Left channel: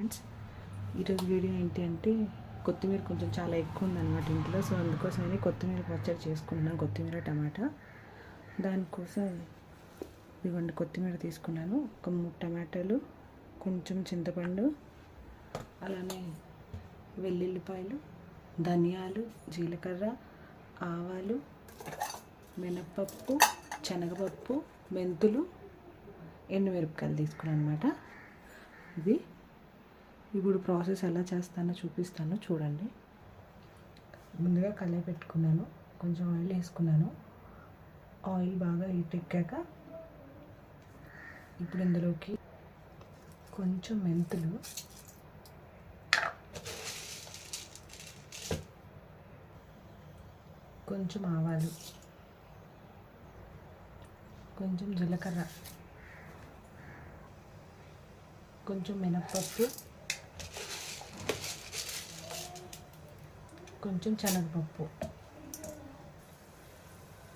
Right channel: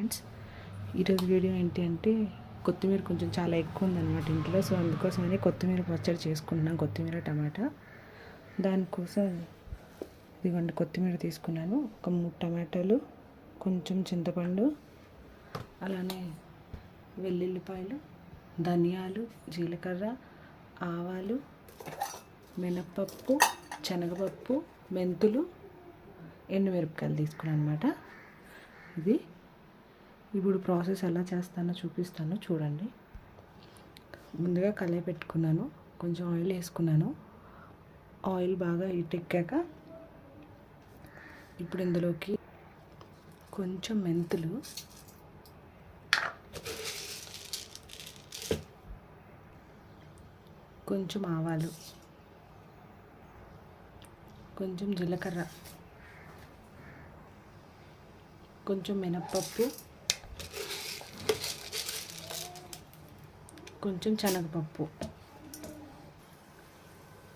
Friends ఈరోజు video ఏంటి అంటే కొత్తిమీర కొంచెం చాలా ఎక్కువ ఉందన్నమాట ఇంట్లో. సో అందుకోసమని కొత్తిమీర పచ్చడి చేసుకుంటున్నాం. కొత్తిమీర టమాటా. దానికోసం ఇదిగోండి కొత్తిమీర తీసుకున్నాను. ఒక మూడు టమాటాలు కొంచెం చింతపండు అలానే వెల్లుల్లిపాయలు ధనియాలు జీలకర్ర ఆవాలు మినప్పప్పు శనగపప్పు మెంతులు ఎండుమిరపకాయలు తీసుకున్నాను అనమాట ఇది ఇప్పుడు ప్రాసెస్ ఎలా చేస్తానో చూపిస్తాను చూడండి. ముందుగా కళాయి పెట్టుకున్నాను కొంచెం ఆయిల్ వేసుకున్నాను. ఆయిల్ బాగా హీట్ ఎక్కాక ఇప్పుడు ఇందులోకి కొంచెం మెంతులు కొంచెం ఆవాలు కొంచెం జీలకర్ర కొంచెం మినప్పప్పు కొంచెం శనగపప్పు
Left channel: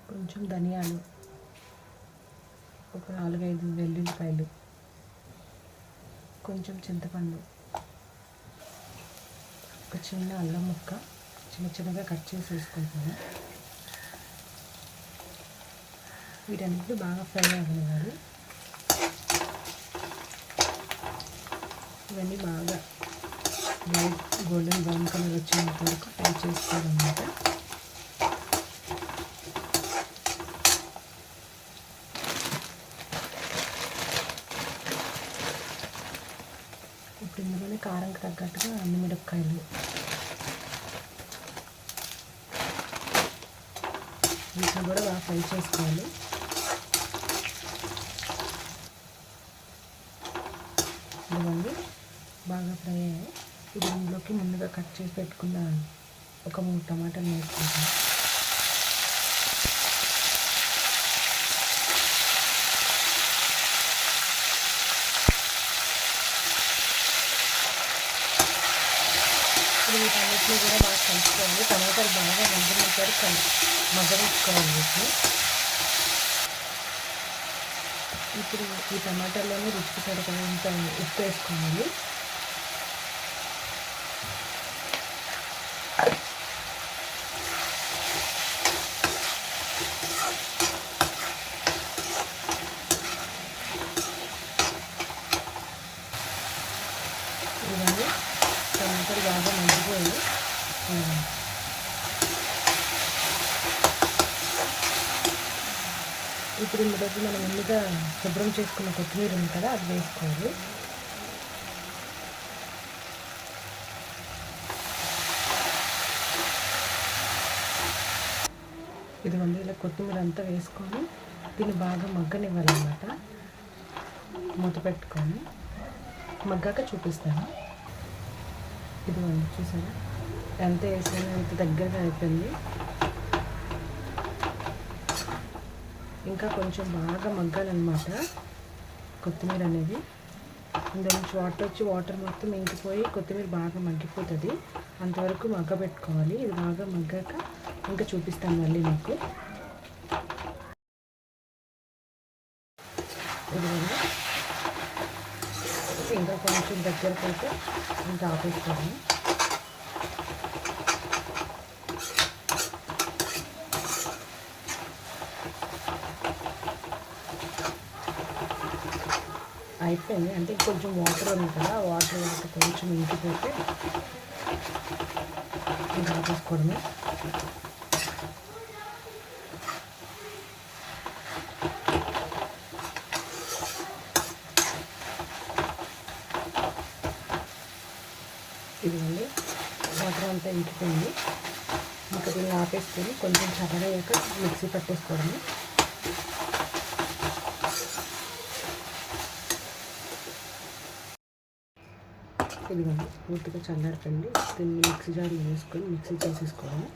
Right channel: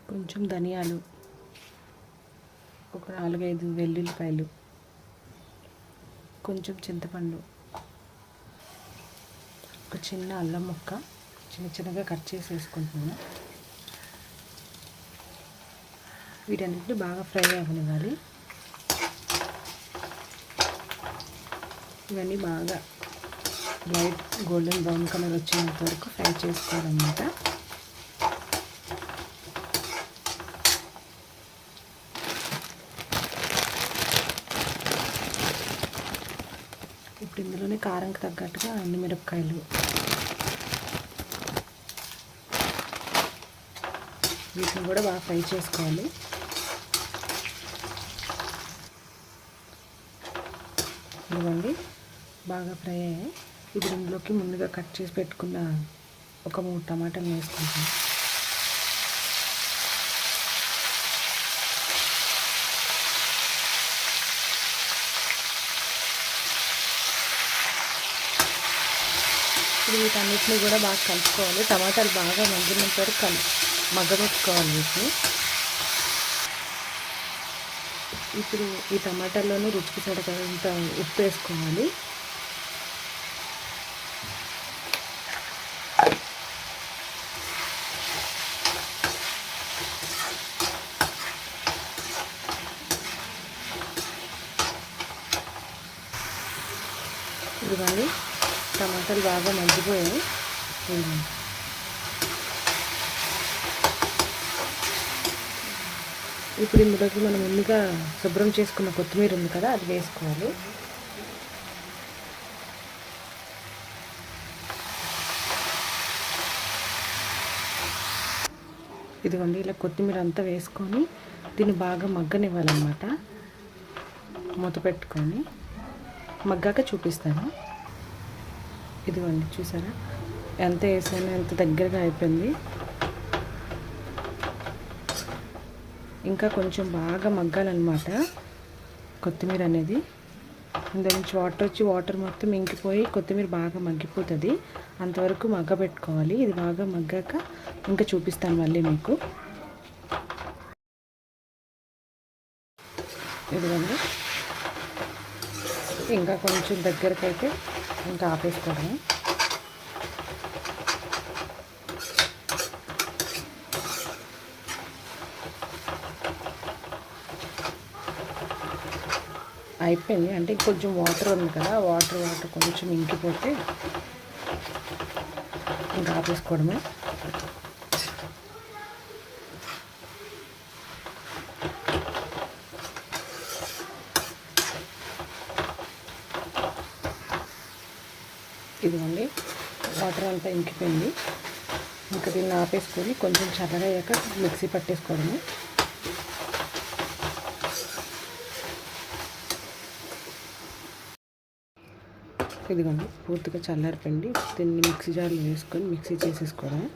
కొంచెం ధనియాలు ఒక నాలుగైదు వెల్లుల్లిపాయలు కొంచెం చింతపండు ఒక చిన్న అల్లం ముక్క చిన్న చిన్నగా కట్ చేసి వేసుకుంటున్నాను వీటన్నిటిని బాగా ఫ్రై అవ్వాలి. ఇవన్నీ బాగా లైట్ గోల్డెన్ బ్రౌన్ కలర్ వచ్చేంత వరకు ఫ్రై చేసుకోవాలన్నమాట. ఇప్పుడు ఇందులోనే కారంకి తగ్గట్టుగా అన్ని మిరపకాయలు. వీటిని కూడా బాగా ఫ్రై చేసుకోవాలి. ఇదిగోండి బాగా ఫ్రై అయ్యాయి. ఇది ఇందులోకి ముందుగా కట్ చేసి పెట్టుకున్న ఒక మూడు టమాటాలు వేసుకుంటాం ఇప్పుడు వీటన్నిటిని కూడా బాగా కలుపుకోవాలి. టమాటాలు బాగా మగ్గినంత వరకు కలు మగ్గబెట్టుకోవాలి వీటిని. ఇప్పుడు ఈ టమాటాలోనే రుచికి సరిపడంత ఉప్పు వేసుకోవాలి. చూడండి. టమాటాలు బాగా మగ్గిపోయి ఇప్పుడు ఇందులోకి మనం ముందుగా శుభ్రం చేసుకున్న కొత్తిమీర ఉంది కదా అది వేసుకోవాలి. ఇదిగోండి ఇలా కొత్తిమీర అంతా వేసుకొని దీన్ని బాగా మగ్గనివ్వాలన్నమాట. మూత పెట్టుకొని. మగ్గాక చూపిస్తాను. ఇదిగోండి చూసారా? ఎంత వేసాను ఎంత దగ్గరగా అయిపోయింది. ఇంకా కొంచెం బాగా మగ్గాలన్నమాట కొత్తిమీర అనేది. దాని నుంచి వాటర్ వచ్చి వాటర్ మొత్తం ఇంకిపోయి కొత్తిమీర బాగా మగ్గిపోతుంది. అంతవరకు మగ్గ పెట్టుకోవాలి ఇది బాగా మగ్గాక ఇంకా చూపిస్తాను మళ్ళీ మీకు ఇదిగోండి ఇంకా కొంచెం దగ్గరకు అయితే ఇంకా ఆపేస్తాను అయిపోయింది. అంటే కొంచెం వాటర్ ఉంది కదా వాటర్ వాటర్ కొంచెం ఇంకిపోతే ఇంకా ఆపేసుకోవడమే ఇదిగోండి వాటర్ అంతా ఇంకిపోయింది. ఇంకా దీన్ని ఆపేసుకొని కొంచెం చల్లగయ్యాక మిక్సీ పట్టేసుకోవడమే. ఇదిగోండి పూర్తిగా చల్లారిపోయింది. దీన్ని మిక్సీ జార్లో వేసుకొని మిక్సీ చేసేసుకోవడమే.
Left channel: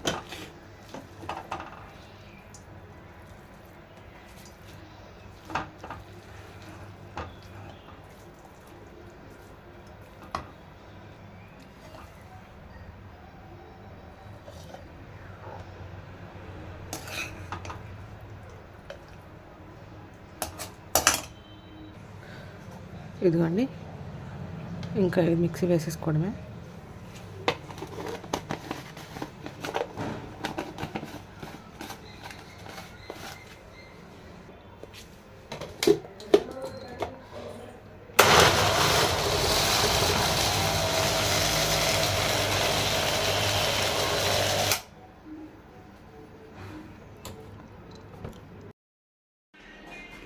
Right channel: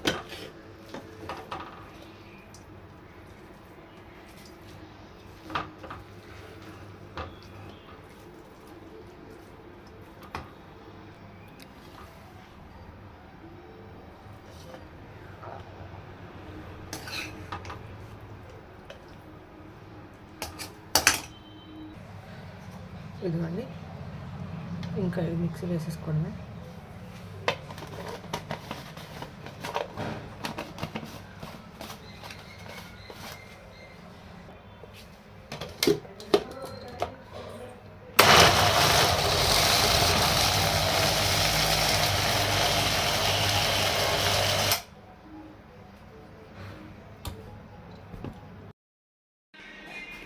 ఇదిగోండి. ఇంకా ఇది మిక్సీ వేసేసుకోవడమే.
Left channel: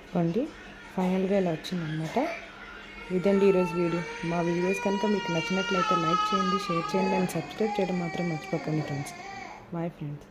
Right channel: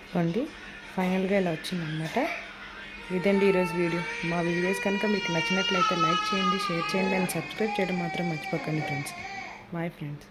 ఇవ్వండి ఫైనల్గా ఇలా వచ్చిందనమాట ఇదండి ఈరోజు వీడియో. మా వీడియోస్ కనుక మీకు నచ్చినట్లయితే లైక్ చేయండి షేర్ చేయండి అండ్ సబ్స్క్రైబ్ చేయడం మాత్రం మర్చిపోకండి ఫ్రెండ్స్. Bye friends.